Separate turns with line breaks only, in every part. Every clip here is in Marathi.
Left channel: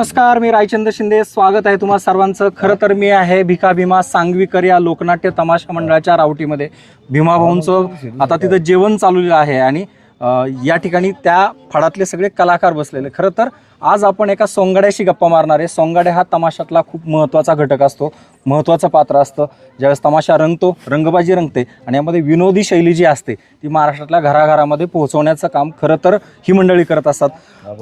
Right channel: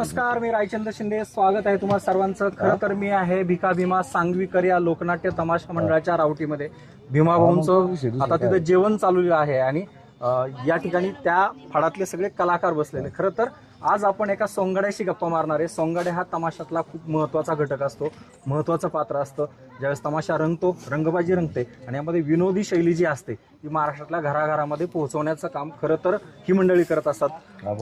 नमस्कार मी रायचंद्र शिंदे. स्वागत आहे तुम्हा सर्वांचं. खरं तर मी आहे भिका भीमा सांगवीकर या लोकनाट्य तमाशा मंडळाच्या रावटीमध्ये. भीमा भाऊंचं आता तिथं जेवण चाललेलं आहे आणि या ठिकाणी त्या फळातले सगळे कलाकार बसलेले. खरं तर आज आपण एका सोंगाड्याशी गप्पा मारणार आहे. सोंगाड्या हा तमाशातला खूप महत्त्वाचा घटक असतो. महत्त्वाचं पात्र असतं. ज्यावेळेस तमाशा रंगतो रंगबाजी रंगते आणि यामध्ये विनोदी शैली जी असते ती महाराष्ट्रातल्या घराघरामध्ये पोहोचवण्याचं काम खरं तर ही मंडळी करत असतात.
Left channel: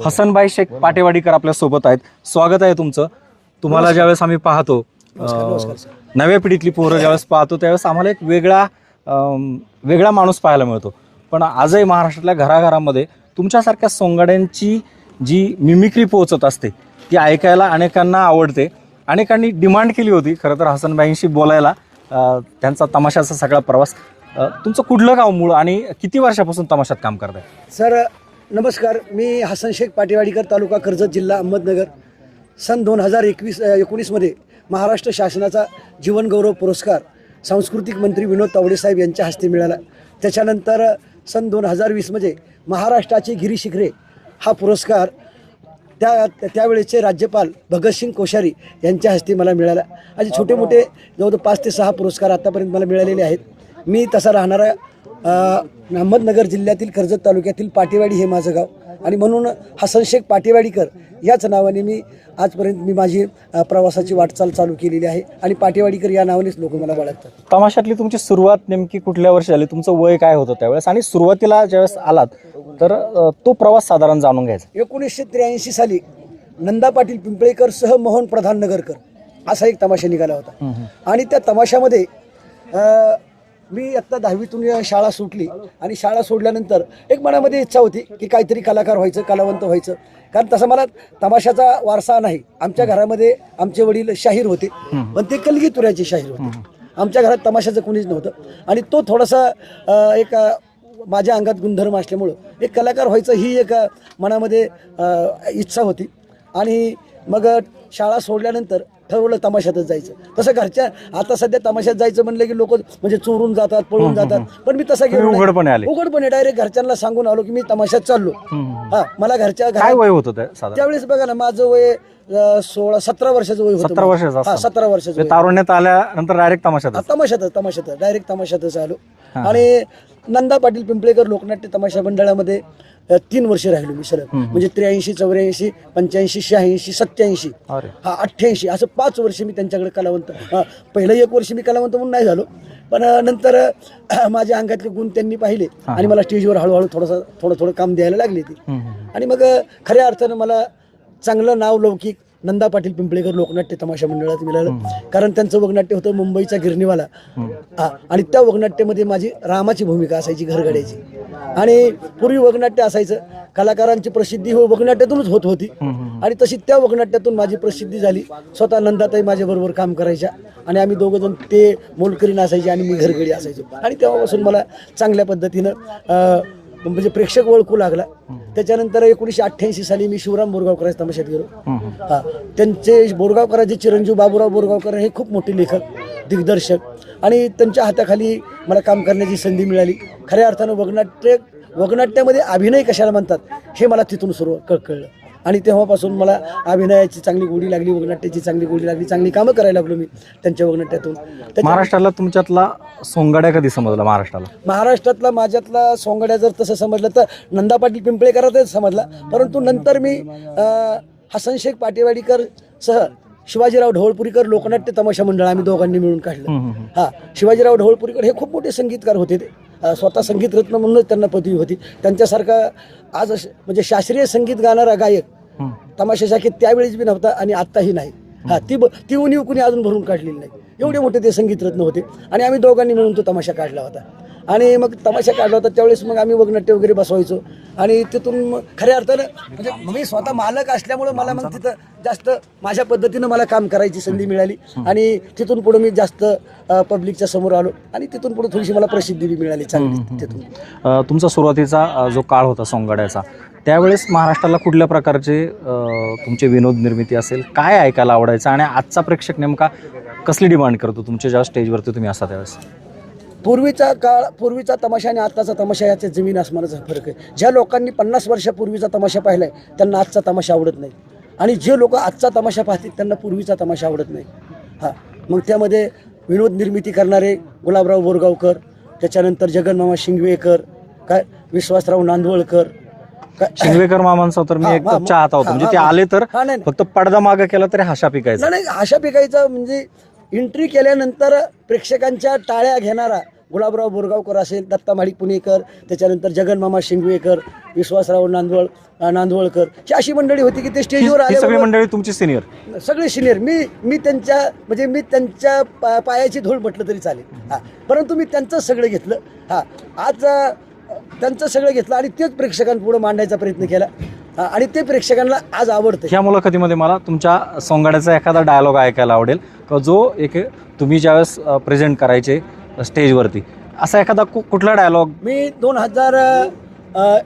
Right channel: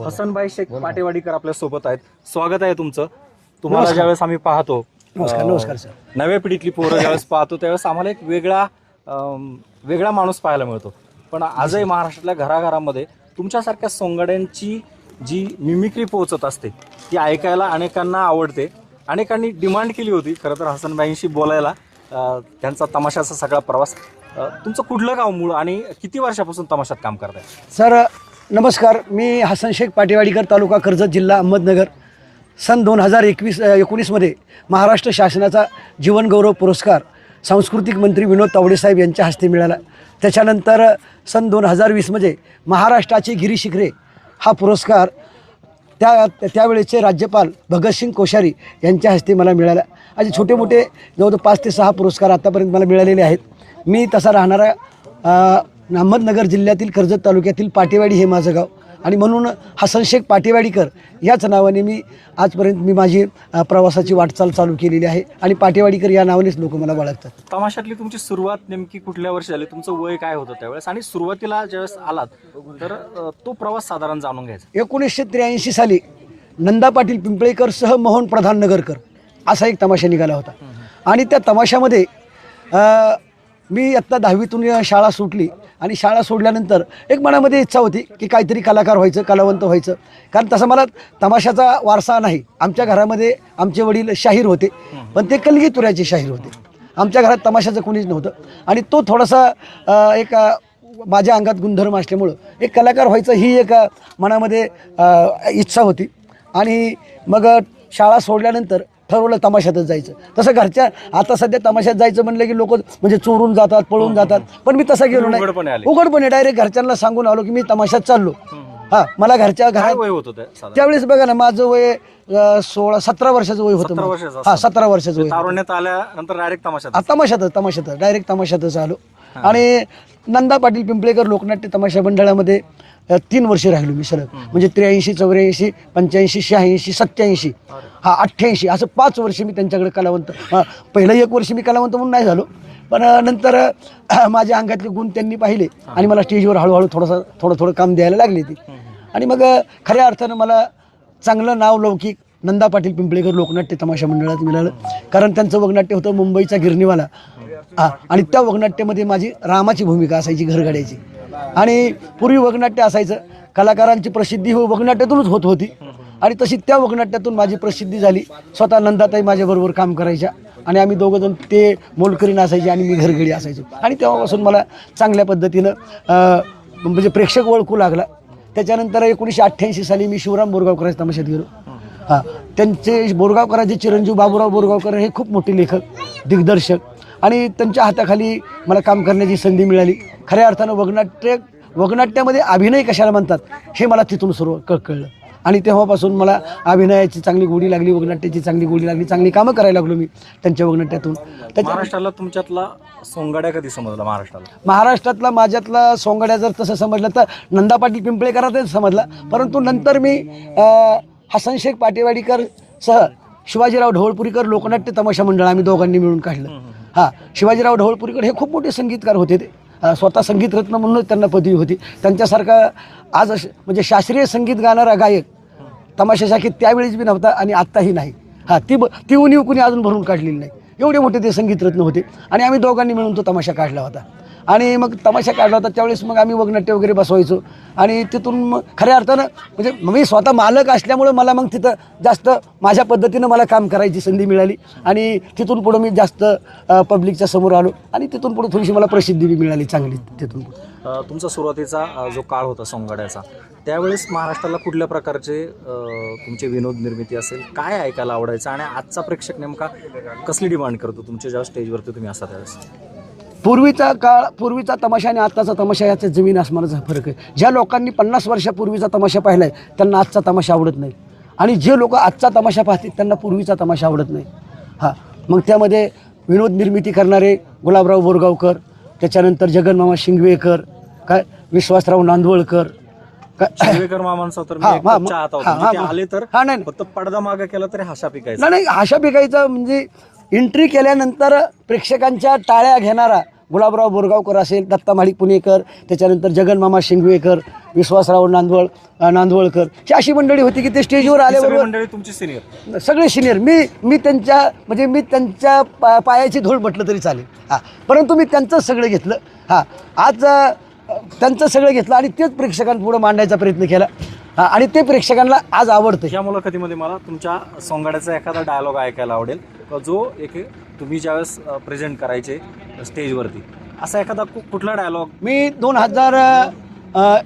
हसनबाई शेख पाटेवाडीकर आपल्यासोबत आहेत. स्वागत आहे तुमचं. तुम्हाला ज्यावेळेस आम्ही पाहतो
नमस्कार
अं,
नमस्कार सर.
नव्या पिढीतली पोरं ज्यावेळेस पाहतो त्यावेळेस आम्हाला एक वेगळा वेगळा माणूस पाहायला मिळतो. पण आजही महाराष्ट्रातल्या घराघरामध्ये तुमच्यासारख्या सोंगाड्यांची जी मिमिक्री पोहोचत असते ती ऐकायला अनेकांना आवडते. अनेकांनी डिमांड केली होती खरं तर हसनबाईंशी बोलायला. त्यांचा तमाशाचा सगळा प्रवास. तुमचं कुठलं गाव मूळ आणि किती वर्षापासून तमाशात काम करताय?
सर नमस्कार. मी हसन शेख पाटेवाडीकर तालुका कर्जत जिल्हा अहमदनगर. सन दोन हजार एकवीस एकोणीसमध्ये महाराष्ट्र शासनाचा जीवनगौरव पुरस्कार सांस्कृतिक मंत्री विनोद तावडे साहेब यांच्या हस्ते मिळाला. त्याच्यानंतर सन दोन हजार वीसमध्ये महाराष्ट्राची गिरी शिखरे हा पुरस्कार त्या त्यावेळेचे राज्यपाल भगतसिंग कोश्यारी यांच्या हस्ते मला मिळाला. असे छोटे मोठे जवळजवळ पाच ते सहा पुरस्कार आतापर्यंत मला मिळालेले आहेत. मी तसा राहणारा अहमदनगर जिल्ह्यातील कर्जत तालुक्यातील पाटेवाडी हे माझं गाव. आणि म्हणून हसन शेख पाटेवाडीकर याच नावाने मी आजपर्यंत मी माझी प्रवासाची वाटचाल चालू केलेली आहे. आणि पाटेवाडीकर या नावानेच लोक मला ओळखतात
तमाशातली तुमची सुरुवात नेमकी कुठल्या वर्षी आली? तुमचं वय काय होतं त्यावेळेस? आणि सुरुवातीला ज्यावेळेस आलात तर तो प्रवास साधारण जाणून घ्यायचा.
एकोणीसशे त्र्याऐंशी साली नंदा पाटील पिंपळेकर सह मोहन प्रधान नगरकर असा एक तमाशा निघाला होता. आणि त्या तमाशामध्ये मी आत्ता दहावीतून शाळा सुटली आणि शाळा सोडल्यानंतर एक मनामध्ये इच्छा होती की काहीतरी कलाकार व्हायचं कलावंत व्हायचं. कारण तसा मला तमाशाचा वारसा नाही. आमच्या घरामध्ये आमचे वडील शाहीर होते पण ते कलगीतुऱ्याचे शाहीर होते. आमच्या घरात तमाशाचं कोणीच नव्हतं. आणि तो थोडासा एक माझ्या अंगात गुणधर्म असल्यामुळं एक कलाकार व्हायचं ही एक मनामध्ये इच्छा होती. आणि मग शाळा सोडल्यानंतर ठरवलं तमाशातच जायचं. तसं घरच्या आता सध्या तमाशात जायचं म्हणलं की लोक म्हणजे चोरून जातात पळून जातात. पण मी तसं गेलो नाही.
उघडपणे आले.
उघडपणे डायरेक्ट घरच्यांना सांगून आलो की मी तमाशात चाललो. हा मला घरच्या
काय
घरात
वय होतं साधारण?
त्यावेळेस बघा ना माझं वय अ, सोळा सतरा वर्षाचं वय होतं
17
माझं.
वर्षाचं
हा
असताना.
सतरा वर्षाचं वय
तारुण्यात आल्यानंतर डायरेक्ट तमाशात
आ, तमाशातच तमाशातच डायरेक्ट तमाशातच आलो. आणि नंदा पाटील पिंपळेकर लोकनाट्य तमाशा मंडळामध्ये अ, तीन वर्ष राहिलो मी सलग म्हणजे त्र्याऐंशी चौऱ्याऐंशी पंच्याऐंशी शहाऐंशी सत्याऐंशी. हा अठ्ठ्याऐंशी. असं पाच वर्ष मी त्यांच्याकडे कलावंत पहिलं एक वर्ष मी कलावंत म्हणून नाही झालो. पण अ, नंतर अ, माझ्या अंगातले गुण त्यांनी पाहिले आणि मला स्टेजवर हळूहळू थोडंसं थोडं थोडं काम द्यायला लागले ती. आणि मग अ, खऱ्या अर्थानं मला चांगलं नाव लौकिक नंदा पाटील पिंपळेकर लोकनाट्य तमाशा मंडळात मिळालं. कारण त्यांचं वगनाट्य होतं मुंबईचा गिरणीवाला. हा आणि त्या वगनाट्यामध्ये माझी रामाची भूमिका असायची घरगाड्याची. आणि पूर्वी वगनाट्य असायचं. कलाकारांची प्रसिद्धी हो वगनाट्यातूनच होत होती. आणि तशी त्या वगनाट्यातून माझी प्रसिद्धी झाली. स्वतः नंदाताई माझ्याबरोबर काम करायच्या. आणि आम्ही दोघं जण ते मोलकरीण असायचे आणि मी घरगडी असायचो. आणि तेव्हापासून मला चांगल्या पद्धतीनं म्हणजे प्रेक्षक ओळखू लागला. त्याच्यानंतर एकोणीसशे अठ्ठ्याऐंशी साली मी शिवराम बोरगावकरांच्या तमाशात गेलो. हा. त्यांचे बोरगावकरांचे चिरंजीव बाबूराव बोरगावकर हे खूप मोठे लेखक दिग्दर्शक. आणि त्यांच्या हाताखाली मला काम करण्याची संधी मिळाली. खऱ्या अर्थानं वगनाट्य वगनाट्यामध्ये अभिनय कशाला म्हणतात हे मला तिथून सुरू क कळलं. आणि तेव्हापासून मला अभिनयाची चांगली गोडी लागली वगनाट्याची चांगली गोडी लागली चांगली कामं करायला लागलो मी त्यांच्या वगनाट्यातून.
महाराष्ट्राला तुमच्यातला सोंगाड्या कधी समजला महाराष्ट्राला?
महाराष्ट्रातला माझ्यातला सोंगाड्या जर तसं समजलं तर नंदा पाटील पिंपळेकरातच समजला. परंतु नंतर मी हसन शेख पाटेवाडीकर सह शिवाजीराव ढवळपुरीकर लोकनाट्य तमाशा मंडळ आम्ही दोघांनी मिळून काढलं. हा शिवाजीराव ढवळपुरीकर हे खूप मोठे संगीतकार होते ते. स्वतः संगीतरत्न म्हणूनच त्यांना पदवी होती. त्यांच्यासारखा आज म्हणजे शास्त्रीय संगीत गाणारा गायक तमाशाशाखेत त्यावेळेस बी नव्हता आणि आत्ताही नाही. हा ती ब- ती उणीव कुणी अजून भरून काढलेली नाही. एवढे मोठे ते संगीतरत्न होते. आणि आम्ही दोघांनी मिळून तो तमाशा काढला होता. आणि मग तमाशा काढला होता. त्यावेळेस मग आम्ही वगनाट्य वगैरे बसवायचो. आणि तिथून मग खऱ्या अर्थानं म्हणजे मी स्वतः मालक असल्यामुळं मला मग तिथं जास्त माझ्या पद्धतीनं मला काम करायची संधी मिळाली. आणि तिथून पुढं मी जास्त पब्लिकच्या समोर आलो. आणि तिथून पुढे थोडीशी मला प्रसिद्धी बी मिळाली चांगली तिथून.
तुमचा सुरुवातीचा जो काळ होता सोंगाड्याचा त्यावेळेस महाराष्ट्राला कुठल्या प्रकारचे तुमचे विनोद निर्मिती असेल? काय ऐकायला आवडायचं? आणि आजचा प्रेक्षक नेमका कसली डिमांड करतो? तुमच्या जेव्हा स्टेजवरती तुम्ही असता त्यावेळेस?
पूर्वीचा काळ पूर्वीचा तमाशा आणि आत्ताचा तमाशा याचा जमीन आसमानाचा फरक आहे. ज्या लोकांनी पन्नास वर्षापूर्वीचा तमाशा पाहिला आहे त्यांना आजचा तमाशा आवडत नाही. आणि जे लोक आजचा तमाशा पाहतील त्यांना पूर्वीचा तमाशा आवडत नाही. हां मग त्यामध्ये विनोद निर्मिती करणारे गुलाबराव बोरगावकर त्याच्यानंतर जगनमामा शिंगवेकर काय विश्वासराव नांदवळकर काय
शिंगवेकर मामांचा तर मी चहा होता. म्हणजे ते आले तर
हा.
फक्त पडदा मागे केला तरी हाशा पिकायचा.
नाही आशा पिकाईचा म्हणजे एंट्री केल्यानंतर प्रेक्षकांच्या टाळ्या घेणारा गुलाबराव बोरगावकर असेल दत्ता माळी पुणेकर त्याच्यानंतर जगनमामा शिंगवेकर विश्वासराव नांदवळ नांदवळकर ही अशी मंडळी होती की ते स्टेजवर
ही सगळी
आले
मंडळी तुमची सिनियर
सगळे सिनियर मी मी त्यांच्या म्हणजे मी त्यांच्या पा पायाची धूळ म्हटलं तरी चालेल. हां. परंतु मी त्यांचंच सगळं घेतलं. हां. आज त्यांचं सगळं घेतलं आणि तेच प्रेक्षकांपुढं मांडायचा प्रयत्न केला. आणि ते प्रेक्षकांना आज आवडतं
ह्या मुलाखतीमध्ये मला तुमच्या सोंगाड्याचा एखादा डायलॉग ऐकायला आवडेल. जो एक तुम्ही ज्यावेळेस प्रेझेंट करायचे स्टेजवरती असा एखादा कु- कुठला डायलॉग
मी दोन हजार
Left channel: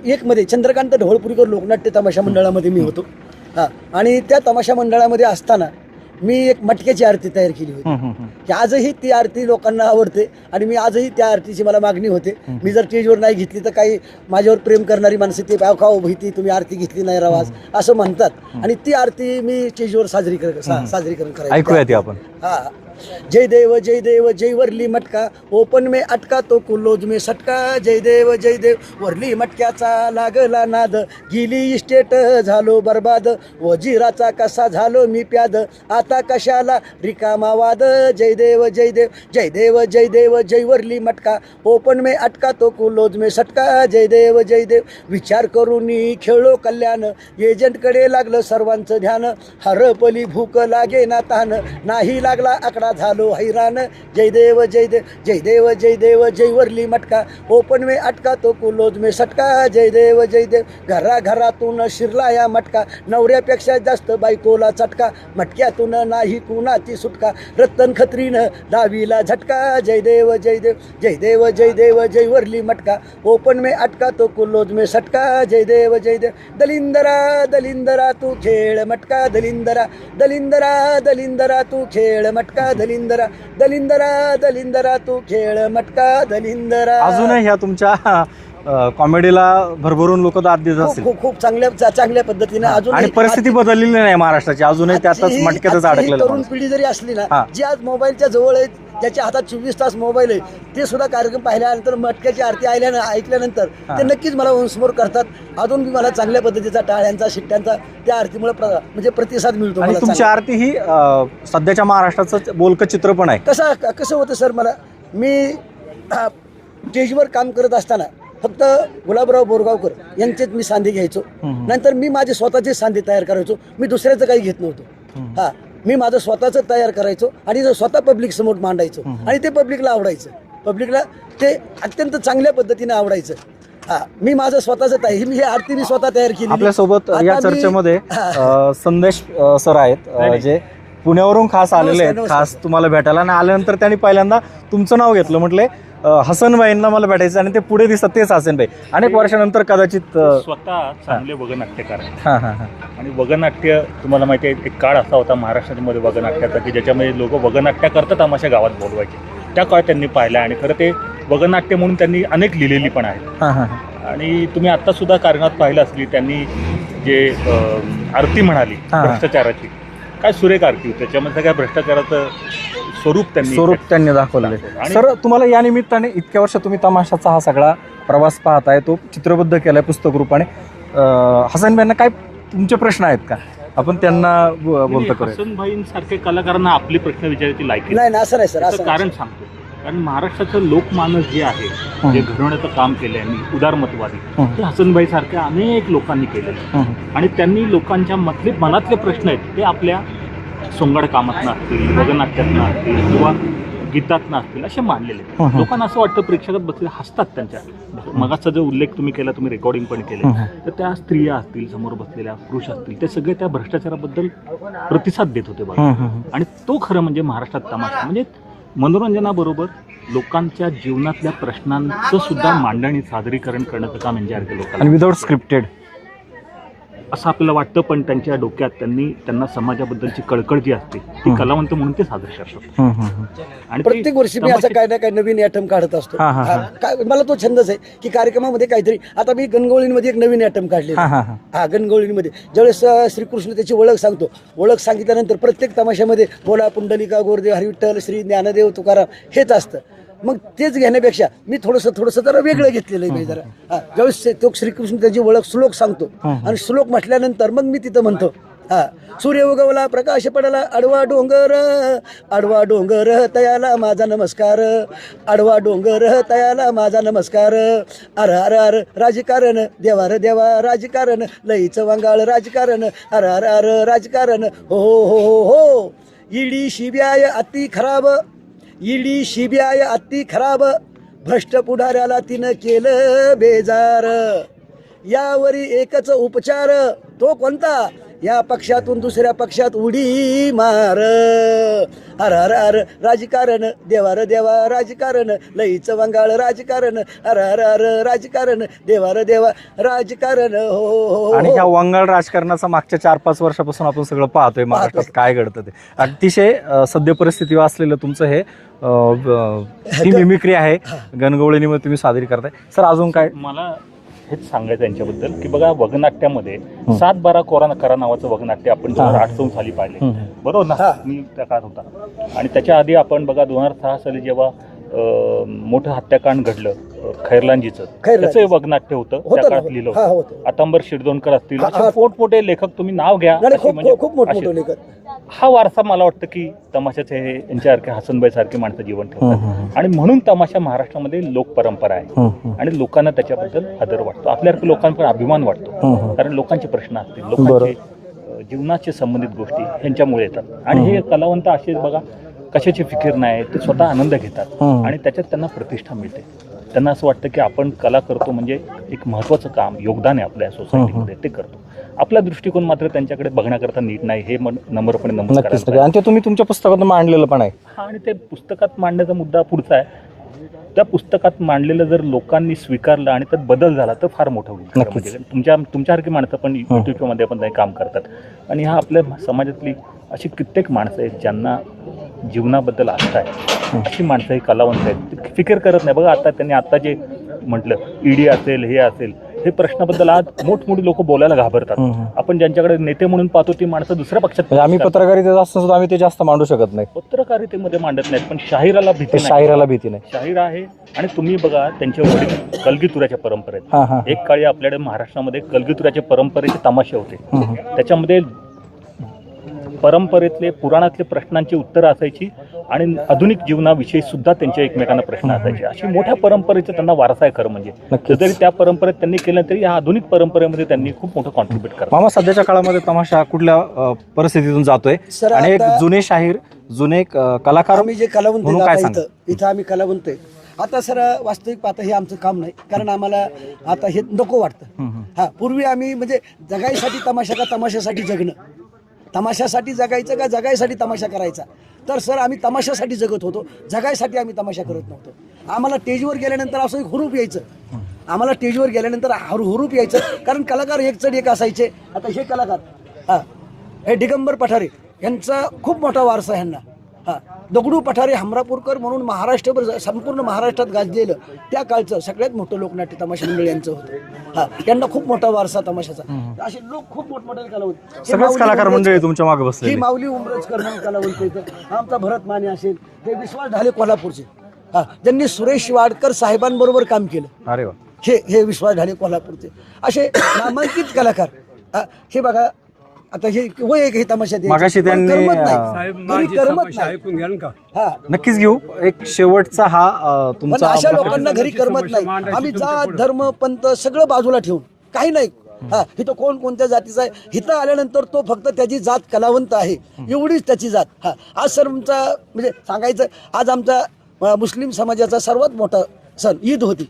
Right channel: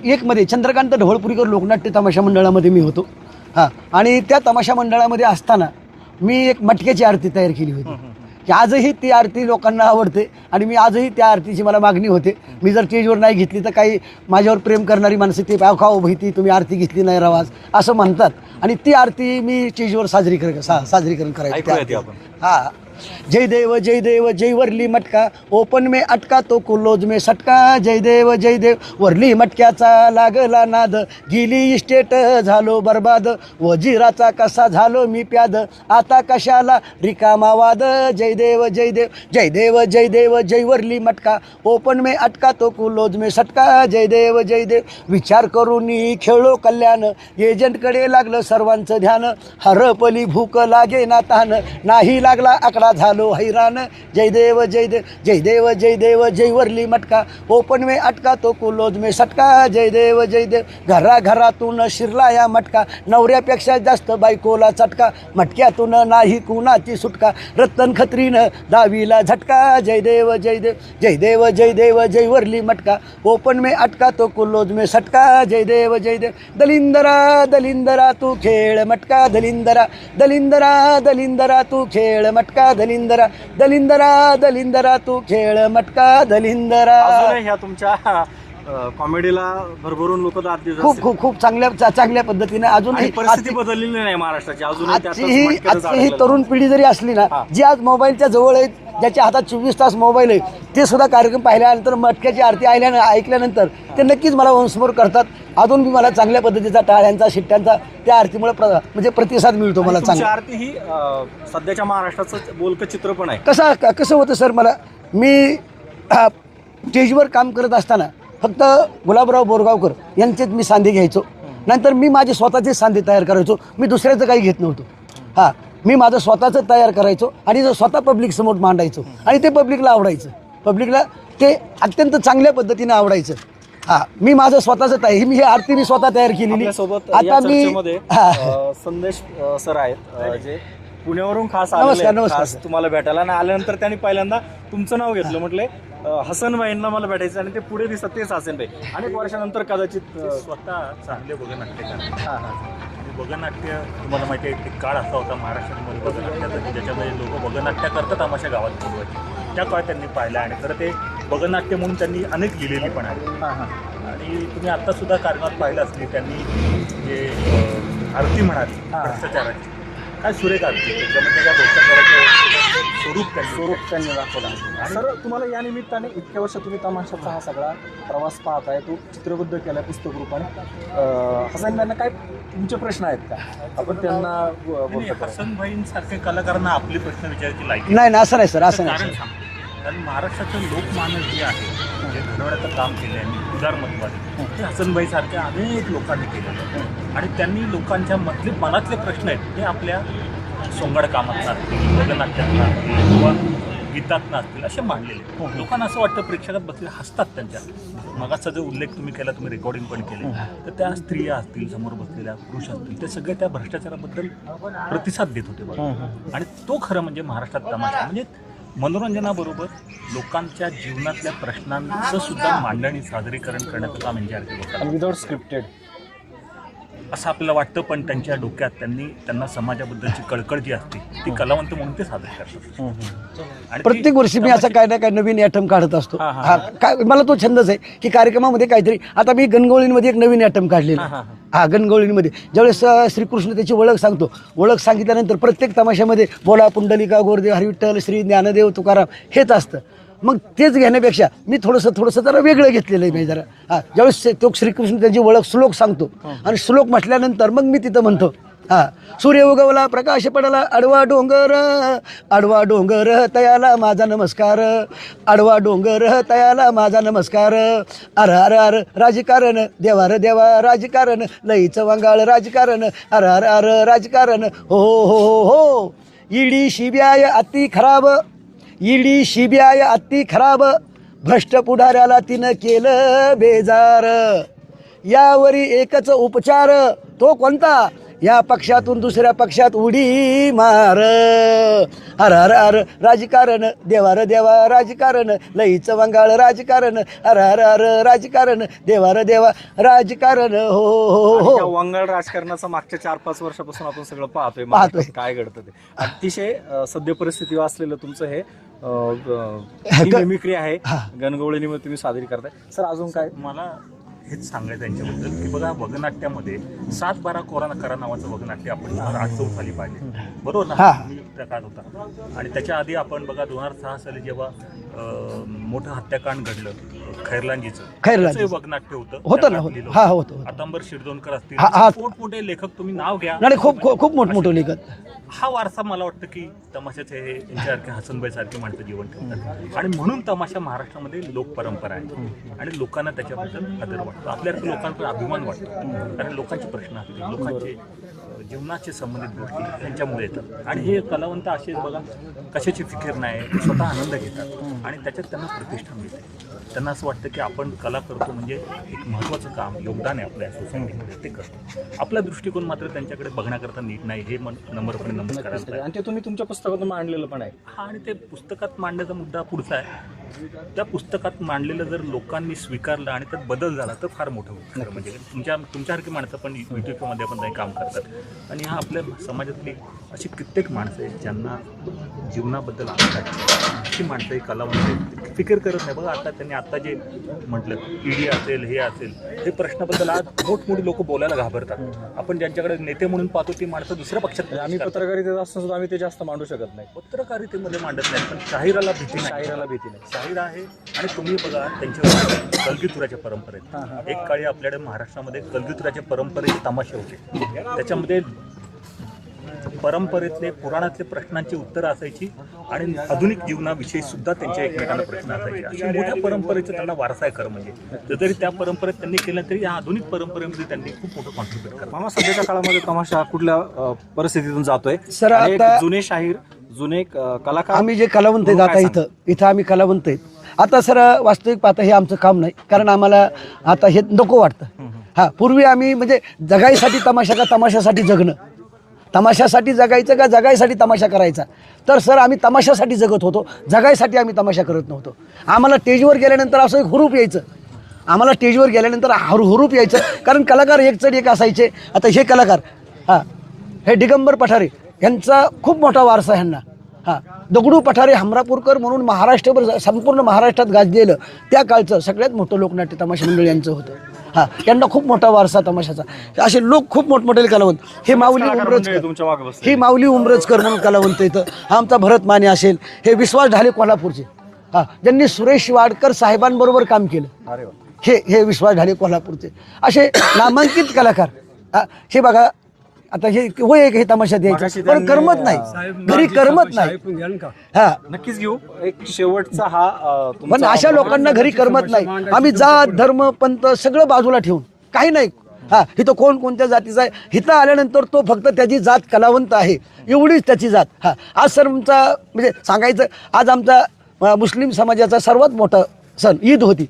एकमध्ये चंद्रकांत ढवळपुरीकर लोकनाट्य तमाशा मंडळामध्ये मी होतो. हां आणि त्या तमाशा मंडळामध्ये असताना मी एक मटक्याची आरती तयार केली होती. की आजही ती आरती लोकांना आवडते आणि मी आजही त्या आरतीची मला मागणी होते. मी जर स्टेजवर नाही घेतली तर काही माझ्यावर प्रेम करणारी माणसं ते पाव खाओ भीती तुम्ही आरती घेतली नाही रवाज असं म्हणतात. आणि ती आरती मी स्टेजवर साजरी कर साजरीकरण करायची.
आपण.
हा. जय देव जय देव जय वरली मटका. ओपन मे अटका तो कुलोज मे सटका. जय देव जय देव वरली मटक्याचा लागला नाद. गेली इस्टेट झालो बर्बाद. वजिराचा कसा झालो मी प्याद. आता कशाला रिकामा वाद? जय देव जय देव जय देव जय देव जय वरली मटका. ओपन मे अटका तो कुलोज मे सटका. जय देव जय देव. विचार करून खेळलो कल्याण. एजंटकडे लागलं सर्वांचं ध्यान. हरपली भूक लागे ना तान नाही लागला आकडा झालो हैराण. जय देव जय देव जय देव जय देव जय वरली मटका. ओपन में अटका तो कुलोज में सटका. जय देव जय देव. घरा घरातून शिरला या मटका. नवऱ्यापेक्षा जास्त बायकोला चटका. मटक्यातून नाही कुणाची सुटका. रत्तन खत्रीनं दावीला झटका. जय देव जय देव जय देव जय देव जय वरली मटका. ओपन में अटका तो कुलोज में सटका. जय देव जय देव. दलिंदरा दलिंदरा तू खेळ मटका. दलिंदरा दलिंदरा दलिंदरा तू खेळ मटका. दलिंदरा दलिंदरा दलिंदरा तू खेळ मटका दलिंदरा.
अजूनही ह्या तुमच्या कॉमेडीला भरभरून लोक दाद देत
खूप
असतील
खूप खूप चांगल्या चा- चांगल्या पद्धतीनं अजून
परिस्थिती बदललेली नाही महाराष्ट्राची अजूनही त्यातच
आजची
मटक्यातच
आजची
अडकलेलं
तरुण
माणूस.
पिढी जरी असली ना. जी आज मोबाईलच्या जवळ आहेत ज्याच्या हातात चोवीस तास मोबाईल आहे ते सुद्धा कार्यक्रम पाहिल्यानंतर मटक्याची आरती ऐकल्यानं ऐकल्यानंतर ते नक्कीच मला वंशमोर करतात अजून बी मला चांगल्या पद्धतीचा टाळ्यांचा शिट्ट्यांचा त्या आरतीमुळे प्र- म्हणजे प्रतिसाद मिळतो
आणि
मला
तुमची
चांगला.
आरती ही अं, सध्याच्या महाराष्ट्राचं बोलकं चित्र पण आहे
कसं कसं होतं सर मला मी अ, स्टेजवर काम करत असताना फक्त गुलाबराव बोरगावकर यांचेच मी सांधे घ्यायचो. नंतर मी माझे स्वतःचे सांधे तयार करायचो. मी दुसऱ्याचं काही घेत नव्हतो. हां मी माझं स्वतःचं तयार करायचो आणि जो स्वतः पब्लिक समोर मांडायचो आणि ते पब्लिकला आवडायचं. पब्लिकला ते अत्यंत चांगल्या पद्धतीने आवडायचं. हां मी माझं स्वतःचं तयार मी ही आरती मी स्वतः तयार केली
आपल्यासोबत या चर्चेमध्ये संदेश सर आहेत जे पुण्यावरून खास आलेले. खास तुम्हाला भेटायला. आणि आल्यानंतर त्यांनी पहिल्यांदा तुमचं नाव घेतलं म्हटले हसनबाईंना मला भेटायचं आणि ते पुढे दिसतात तेच हसनबाई अनेक वर्षानंतर कदाचित
स्वतः चांगले वगनाट्यकार.
हां हां हां.
आणि वगनाट्य तुम्हाला माहिती आहे एक काळ असा होता महाराष्ट्रामध्ये वगनाट्याचा की ज्याच्यामध्ये लोक वगनाट्य करतात आमाशा गावात बोलवायचे. त्या काळ त्यांनी पाहिला आणि खरं ते वगनाट्य म्हणून त्यांनी अनेक लिहिलेली पण आहे आणि तुम्ही आत्ता सुद्धा कारणात पाहिलं असली त्यांनी जे आरती म्हणाली. भ्रष्टाचाराची. काय सुरेख आरती? त्याच्यामध्ये काय भ्रष्टाचाराचं स्वरूप त्यांनी
स्वरूप त्यांनी दाखवलं. सर तुम्हाला या निमित्ताने इतक्या वर्ष तुम्ही तमाशाचा हा सगळा प्रवास पाहताय तो चित्रबद्ध केलाय पुस्तक रूपाने हसनबाईंना काय तुमचे प्रश्न आहेत का? आपण त्यांना ब- बोलतो करूया.
हसनभाईंसारखे कलाकारांना आपले प्रश्न विचारायची लायकी
नाही ना असं नाही सर असं
कारण सांगतो. कारण महाराष्ट्राचं लोकमानस जे आहे जे घडवण्याचं काम केलं आहे उदारमतवादी. ते हसनभाई सारख्या अनेक लोकांनी केलेलं आहे. आणि त्यांनी लोकांच्या मधले मनातले प्रश्न आहेत ते आपल्या सोंगाड कामातनं असतील वगनाट्यातनं असतील किंवा गीतातनं असतील असे मांडलेले आहेत.
हं, हं.
लोकांना असं वाटतं प्रेक्षकात बसले हसतात त्यांच्या मगाचा जो उल्लेख तुम्ही केला तुम्ही रेकॉर्डिंग पण केले
हं,
तर त्या स्त्रिया असतील समोर बसलेल्या पुरुष असतील ते सगळे त्या भ्रष्टाचाराबद्दल प्रतिसाद देत होते बघा. आणि तो खरं म्हणजे महाराष्ट्रात तमाशा म्हणजे मनोरंजनाबरोबर लोकांच्या जीवनातल्या प्रश्नांचं सुद्धा मांडणी सादरीकरण करण्याचं काम एनजीआर केलं
आणि विदाउट स्क्रिप्टेड
असं आपल्याला वाटतं पण त्यांच्या डोक्यात त्यांनी त्यांना समाजाबद्दलची कळकळ जी असते ती कलावंत म्हणून ते सादर करतात. आणि
प्रत्येक वर्षी मी असं काय ना काय नवीन ॲटम काढत असतो.
हा,
काय मला तो छंदच आहे की कार्यक्रमामध्ये काहीतरी आता मी गणगोळींमध्ये एक नवीन ॲटम काढलेला
हा. हा, हा.
हा गणगोळींमध्ये. ज्यावेळेस अं, श्रीकृष्ण त्याची ओळख सांगतो. ओळख सांगितल्यानंतर प्रत्येक तमाशामध्ये बोला पुंडलिका गोरदेव हरिविठ्ठल श्री ज्ञानदेव तुकाराम हेच असतं. मग तेच घेण्यापेक्षा मी थोडंसं थोडंसं जरा वेगळं घेतलेलं आहे मी जरा. हा ज्यावेळेस ते- श्रीकृष्ण त्याची ओळख श्लोक सांगतो. आणि श्लोक म्हटल्यानंतर मग मी तिथं म्हणतो हा सूर्य उगवला प्रकाश पडला आडवा डोंगर आडवा डोंगर तयाला माझा नमस्कार आडवा डोंगर तयाला माझा नमस्कार अर अर अर राजकारण देवा रे देवा राजकारण लईचं वांगाळ राजकारण अर अर अर राजकारण हो हो हो हो हो इडी शिब्याय अति खराब ईडी सीबीआय अति खराब. भ्रष्ट पुढाऱ्याला तिनं केलं बेजार. यावरी एकच उपचार. तो कोणता? या पक्षातून दुसऱ्या पक्षात उडी मार. अर अर अर राजकारण देवार देवा राजकारण लईच वंगाळ राजकारण. अर अर अर राजकारण देवार देवा राजकारण. हो हो
आणि
हो.
ह्या वंगाळ राजकारणाचं मागच्या चार पाच वर्षापासून आपण सगळं पाहतोय महाराष्ट्रात काय घडतं ते. अतिशय अं, सद्य परिस्थितीवर असलेलं तुमचं हे अं, अं, ही मिमिक्री आहे. गणगवळणीमध्ये तुम्ही सादरी करताय सर अजून काय?
मला हेच सांगायचं यांच्याबद्दल की बघा वगनाट्यामध्ये सात बारा कोरा करा नावाचं वगनाट्य आपण दोन हजार आठ खाली पाहिले बरोबर ना. मी त्या काळात होता. आणि त्याच्या आधी आपण बघा दोन हजार सहा साली जेव्हा मोठं हत्याकांड घडलं खैरलांजीचं. त्याचं वगनाट्य होतं
होतं
त्या
ना,
काळात
होतं.
लिहिलं
हा,
होतं.
होतं.
आतांबर शिरदोनकर असतील
हा, हा.
पोटपोटे लेखक तुम्ही नाव घ्या.
नाही खूप
म्हणजे
खूप खूप मोठमोठं लिखत
हा वारसा मला वाटतं की तमाशाचे हे यांच्यासारखे हसनबाई सारखे माणसं जीवन ठेवतात. आणि म्हणून तमाशा महाराष्ट्रामध्ये लोक परंपरा आहे. आणि लोकांना त्याच्याबद्दल आदर वाटतो. आपल्यासारख्या लोकांकडे अभिमान वाटतो. कारण लोकांचे प्रश्न असतील लोकांचे अ, जीवनाचे संबंधित गोष्टी यांच्यामुळे येतात. आणि हे कलावंत असे बघा कशाची फिकीर नाही ते स्वतः आनंद घेतात. आणि त्याच्यात त्यांना प्रतिष्ठा मिळते. त्यांना असं वाटतं की आपण कला करतो म्हणजे एक महत्त्वाचं काम योगदान आहे आपल्या सोसायटीमध्ये ते करतो. आपला दृष्टिकोन मात्र त्यांच्याकडे बघण्याकरता नीट नाही हे नम्रपणे नमस्कार
आणि ते तुम्ही तुमच्या पुस्तकातून मांडलेलं पण आहे.
हा आणि ते पुस्तकात मांडण्याचा मुद्दा पुढचा आहे. त्या पुस्तकात मांडलेलं जर लोकांनी स्वीकारलं आणि त्यात बदल झाला तर फार मोठं होईल तुमच्या तुमच्यासारखी माणसं पण युट्यूबमध्ये पण काही काम करतात. आणि हा आपल्या समाजातली अशी कित्येक माणसं आहेत ज्यांना जीवनाबद्दल आस्था आहे. अशी माणसं ही कलावंत आहेत. फिकीर करत नाही. बघा आता त्यांनी आता जे म्हटलं ईडी असेल हे असेल हे प्रश्नाबद्दल आज मोठमोठी लोक बोलायला घाबरतात. आपण ज्यांच्याकडे नेते म्हणून पाहतो ती माणसं दुसऱ्या पक्षात
म्हणजे आम्ही पत्रकारितेत असतो सुद्धा आम्ही ते जास्त मांडू शकत नाही.
पत्रकारितेमध्ये मांडत नाहीत पण शाहिराला भीती.
शाहिराला भीती नाही.
शाहीर आहे आणि तुम्ही बघा त्यांच्यावर कलगीतुराच्या परंपरेत. एक काळी आपल्याकडे महाराष्ट्रामध्ये कलगीतुराच्या परंपरेचे तमाशे होते. त्याच्यामध्ये परंपरेतले पुराणातले प्रश्नांची उत्तरं असायची आणि आधुनिक जीवनाविषयी सुद्धा त्यांचे एकमेकांना प्रश्न असायचे. अशी मोठ्या परंपरेचा त्यांना वारसा आहे खरं म्हणजे. जरी त्या परंपरेत त्यांनी केलं तरी या आधुनिक परंपरेमध्ये त्यांनी खूप मोठं कॉन्ट्रीब्युट करतात
मामा सध्याच्या काळामध्ये तमाशा कुठल्या परिस्थितीतून जातोय?
सर,
आणि एक जुने शाहीर जुने कलाकार
आम्ही जे कलावंत आहेत? इथं इथं आम्ही कलावंत आहेत. आता सर वास्तविक पाहता हे आमचं काम नाही कारण आम्हाला आता हे नको वाटतं. हा पूर्वी आम्ही म्हणजे जगायसाठी तमाशा का तमाशासाठी जगणं. तमाशासाठी जगायचं का जगायसाठी तमाशा करायचा? तर सर आम्ही तमाशासाठी जगत होतो. जगायसाठी आम्ही तमाशा करत नव्हतो. आम्हाला स्टेजवर गेल्यानंतर असं एक हुरूप यायचं. आम्हाला स्टेजवर गेल्यानंतर हरू हुरूप यायचं. कारण कलाकार एक चढ एक असायचे. आता हे कलाकार हां हे दिगंबर पठारे यांचा खूप मोठा वारसा आहे ह्यांना हां दगडू पठारे हमरापूरकर म्हणून महाराष्ट्रभर संपूर्ण महाराष्ट्रात गाजलेलं त्या काळचं सगळ्यात मोठं लोकनाट्य तमाशा मंडळ यांचं होतं. हां यांना खूप मोठा वारसा तमाशाचा. असे लोक खूप मोठमोठे कलावंत. हे माऊली
कलाकार मंडळी तुमच्या मागे बसले
ही माऊली उमरजकर म्हणून कलावंत इथं हा आमचा भरत माने असेल हे विश्वास ढाले कोल्हापूरचे. हां ज्यांनी सुरेश वाडकर साहेबांबरोबर काम केलं.
अरे वा.
हे हे विश्वास ढाले कोल्हापूरचे. असे नामांकित कलाकार हा, हे बघा आता हे वय एक हे तमाशा द्यायचं.
मगाशी त्यांनी,
करमत नाही. घरी करमत नाही. हा.
नक्कीच घेऊ. एक शेवटचा हा अं,
पण
तुमचा
अशा लोकांना घरी करमत नाही. आम्ही जात धर्म पंथ सगळं बाजूला ठेवून. काही नाही. हा इथं कोण कोणत्या जातीचा आहे? इथं आल्यानंतर तो फक्त त्याची जात कलावंत आहे. एवढीच त्याची जात. हा. आज सर आमचा म्हणजे सांगायचं आज आमचा अं, मुस्लिम समाजाचा सर्वात मोठा सण ईद होती.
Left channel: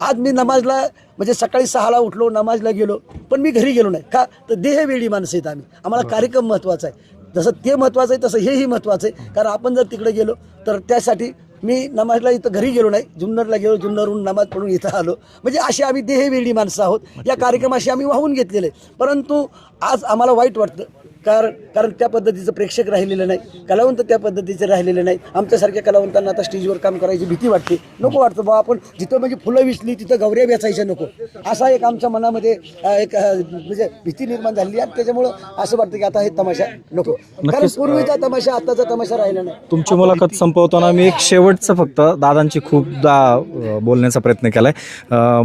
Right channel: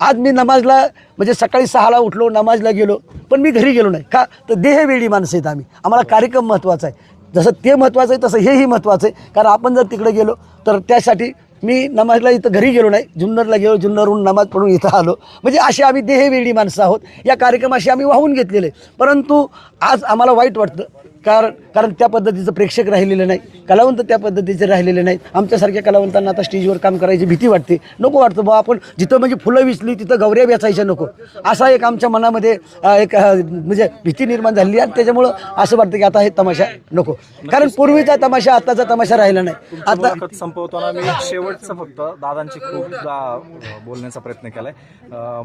आज मी नमाजला म्हणजे सकाळी सहाला उठलो नमाजला गेलो पण मी घरी गेलो नाही. का? तर देहवेळी माणसं आहेत आम्ही. आम्हाला कार्यक्रम महत्त्वाचा आहे. जसं ते महत्त्वाचं आहे तसं हेही महत्त्वाचं आहे. कारण आपण जर तिकडे गेलो तर त्यासाठी मी नमाजला इथं घरी गेलो नाही. जुन्नरला गेलो जुन्नरहून नमाज पढून इथं आलो. म्हणजे अशी आम्ही देहवेळी माणसं आहोत. या कार्यक्रमाशी आम्ही वाहून घेतलेले. परंतु आज आम्हाला वाईट वाटतं. कारण कारण त्या पद्धतीचं प्रेक्षक राहिलेलं नाही. कलावंत त्या पद्धतीचे राहिलेले नाहीत आमच्यासारख्या कलावंतांना आता स्टेजवर काम करायची भीती वाटते. नको वाटतं बा आपण जिथं म्हणजे फुलं विचली तिथं गौऱ्या वेचायच्या नको. असा एक आमच्या मनामध्ये एक म्हणजे भीती निर्माण झाली आणि त्याच्यामुळं असं वाटतं की आता हे तमाशा नको. कारण पूर्वीचा तमाशा आताचा तमाशा राहिला नाही.
तुमची मुलाखत संपवताना मी एक शेवटचं फक्त दादांची खूपदा बोलण्याचा प्रयत्न केलाय.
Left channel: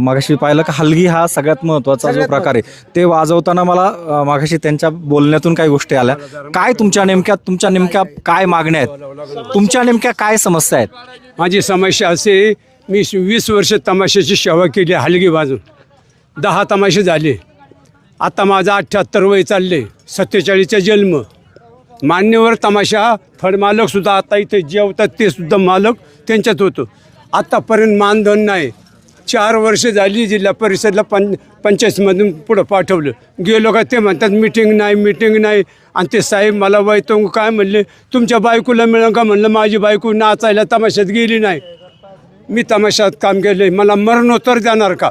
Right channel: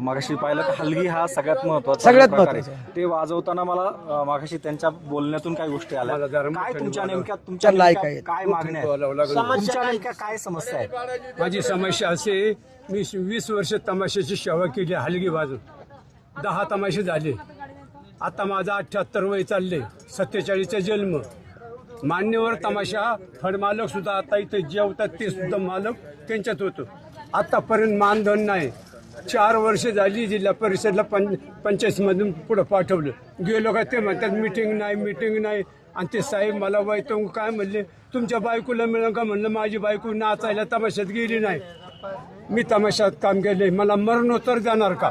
मागाशी पाहिलं का हलगी हा सगळ्यात
महत्त्वाचा
प्रकार आहे ते वाजवताना मला मागाशी त्यांच्या बोलण्यातून काही गोष्टी आल्या. काय तुमच्या नेमक्या तुमच्या नेमक्या काय मागण्या आहेत? तुमच्या नेमक्या काय समस्या आहेत?
माझी समस्या असे मी वीस वर्ष तमाशाची सेवा केली हलगी बाजून. दहा तमाशे झाले. आता माझा अठ्ठ्याहत्तर वय चालले सत्तेचाळीसचा जन्म. मान्यवर तमाशा फळमालकसुद्धा आता इथे जेवतात ते सुद्धा मालक त्यांच्यात होतं. आत्तापर्यंत मानधन नाही. चार वर्ष झाली जिल्हा परिषदला पं पंचायतमधून पुढं पाठवलं. गेलो का ते म्हणतात मिटिंग नाही मिटिंग नाही. आणि ते साहेब मला वैतंग काय म्हणले तुमच्या बायकोला मिळेल का? म्हणलं माझी बायको नाचायला तमाशात गेली नाही. मी तमाशात काम केले मला मरणोत्तर देणार का?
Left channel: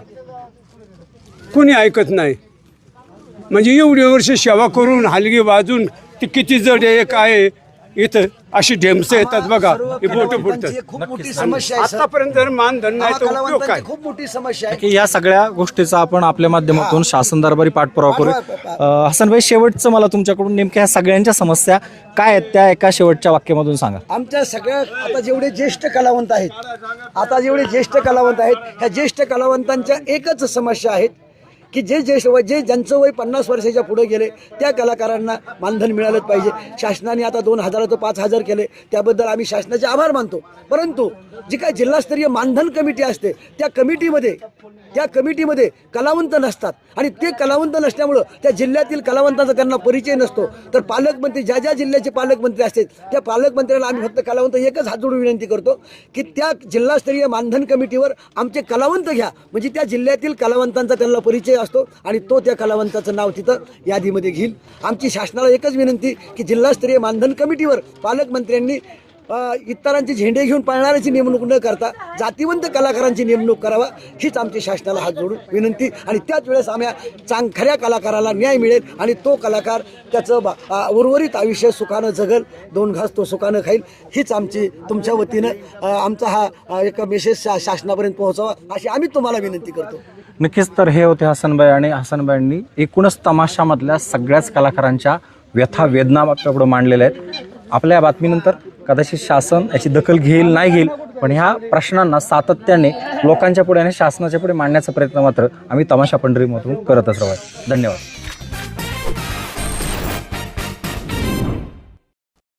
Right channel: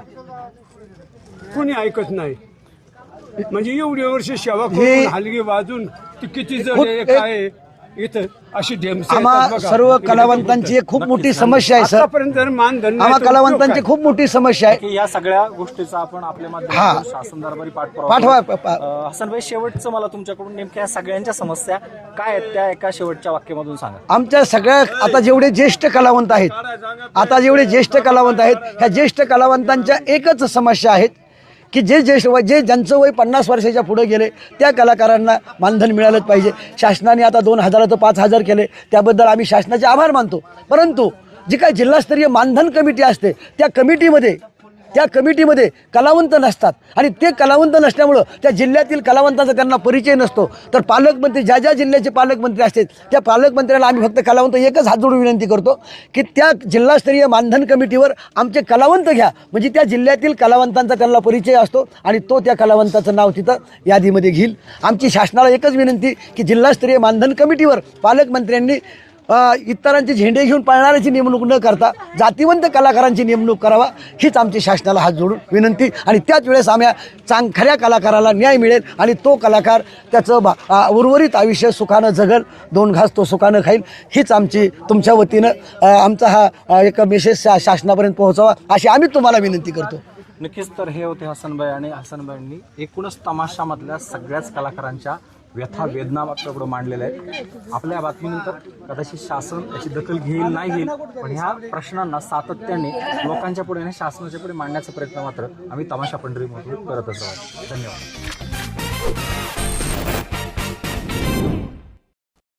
कुणी ऐकत नाही. म्हणजे एवढी वर्ष सेवा करून हलगी वाजून ती किती जड आहे काय आहे, इथं अशी ढेमसं येतात
आम्हा
बघा.
सर्व
मोठं
कलावंतांची एक खूप मोठी समस्या आहे सर.
आतापर्यंत मानधन
आम्हा कलावंतांची? खूप मोठी समस्या आहे.
की या सगळ्या गोष्टीचा आपण आपल्या माध्यमातून शासन दरबारी पाठपुरावा
पाठवा-
करू.
पा-
अ, हसनभाई शेवटचं मला तुमच्याकडून नेमक्या ह्या सगळ्यांच्या समस्या काय आहेत त्या एका शेवटच्या वाक्यामधून सांगा.
आमच्या सगळ्या आता जेवढे ज्येष्ठ कलावंत आहेत आता जेवढे ज्येष्ठ कलावंत आहेत ह्या ज्येष्ठ कलावंतांच्या एकच समस्या आहेत की जे ज्येष्ठ वय जे ज्यांचं वय पन्नास वर्षाच्या पुढे गेले त्या कलाकारांना मानधन मिळालंच पाहिजे. शासनाने आता दोन हजाराचं पाच हजार केले. त्याबद्दल आम्ही शासनाचे आभार मानतो. परंतु जी काय जिल्हास्तरीय मानधन कमिटी असते त्या कमिटीमध्ये त्या कमिटीमध्ये कलावंत नसतात. आणि ते कलावंत नसल्यामुळं त्या जिल्ह्यातील कलावंतांचा त्यांना परिचय नसतो. तर पालकमंत्री ज्या ज्या जिल्ह्याचे पालकमंत्री असतील त्या पालकमंत्र्याला आम्ही फक्त कलावंत एकच हात जोडून विनंती करतो की त्या जिल्हास्तरीय मानधन कमिटीवर आमचे कलावंत घ्या. म्हणजे त्या जिल्ह्यातील कलावंतांचा त्यांना परिचय असतो आणि तो त्या कलावंताचं नाव तिथं यादीमध्ये घेईल. आमची शासनाला एकच विनंती की जिल्हास्तरीय मानधन कमिटीवर पालकमंत्र्यांनी इतरांचे झेंडे घेऊन पाळणाऱ्याची नेमणूक न करता जातीवंत कलाकारांची नेमणूक करावा हीच आमची शासनाला हात जोडून विनंती. आणि त्याच वेळेस आम्ही चांग खऱ्या कलाकाराला न्याय मिळेल आणि तो कलाकार त्याचं बा उर्वरित आयुष्य सुखानं जगल दोन घास तो सुखानं खाईल हीच आमची तुमच्या वतीनं आमचा हा एक मेसेज शा शासनापर्यंत पोहोचावा अशी आम्ही तुम्हाला विनंती करतो.
नक्कीच तर हे होते हसनबाई आणि हसनबाईंनी एकूणच तमाशामधल्या सगळ्याच कलाकारांच्या व्यथा वेदना आपल्यापुढे मांडलेल्या आहेत. आपल्या या बातमीनंतर कदाचित शासन याची दखल घेईल नाही घेईल पण ह्या प्रश्नांना सातत्याने लोकांच्या पुढे आणि शासनाच्या पुढे मांडण्याचा प्रयत्न मात्र आम्ही तमाशा पंढरीमधून करतच राहू धन्यवाद.